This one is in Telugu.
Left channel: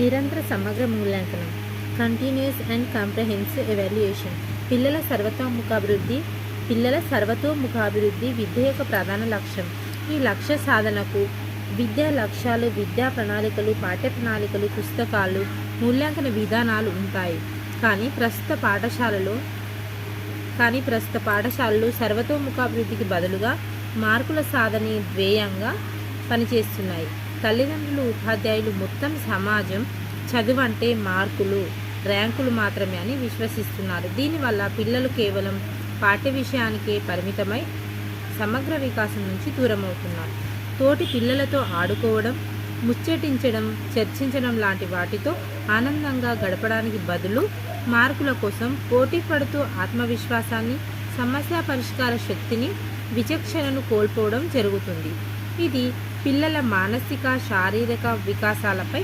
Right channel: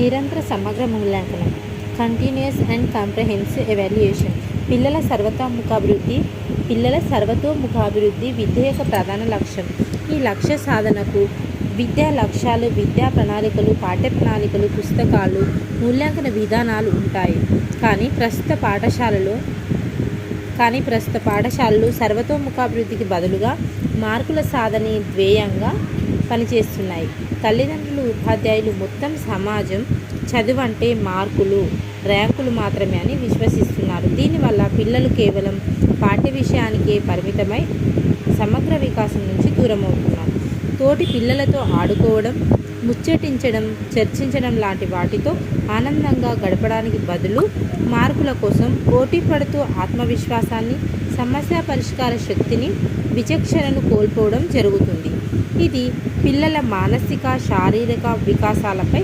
నిరంతర సమగ్ర మూల్యాంకనం కంటిన్యూస్ అండ్ కాంప్రహెన్సివ్ ఎవాల్యుయేషన్ పిల్లల సర్వతోముఖాభివృద్ధి విద్య యొక్క ప్రధాన లక్ష్యం. ఈ లక్ష్య సాధనకు విద్యా లక్ష్యాలు, విద్యా ప్రణాళికలు, పాఠ్య ప్రణాళికలు, పుస్తకాలు, మూల్యాంకన విధానాలు ఉంటాయి. కానీ ప్రస్తుత పాఠశాలలు సర్వతోముఖాభివృద్ధికి బదులుగా మార్కుల సాధనే ధ్యేయంగా పనిచేస్తున్నాయి. తల్లిదండ్రులు, ఉపాధ్యాయులు, మొత్తం సమాజం చదువు అంటే మార్కులు, ర్యాంకులు మాత్రమే అని విశ్వసిస్తున్నారు. దీనివల్ల పిల్లలు కేవలం పాఠ్య విషయానికే పరిమితమై సమగ్ర వికాసం నుంచి దూరమవుతున్నారు. తోటి పిల్లలతో ఆడుకోవడం, ముచ్చటించడం, చర్చించడం లాంటి వాటితో ఆనందంగా గడపడానికి బదులు మార్కుల కోసం పోటీ పడుతూ ఆత్మవిశ్వాసాన్ని, సమస్య పరిష్కార శక్తిని, విచక్షణను కోల్పోవడం జరుగుతుంది. ఇది పిల్లల మానసిక, శారీరక వికాసాలపై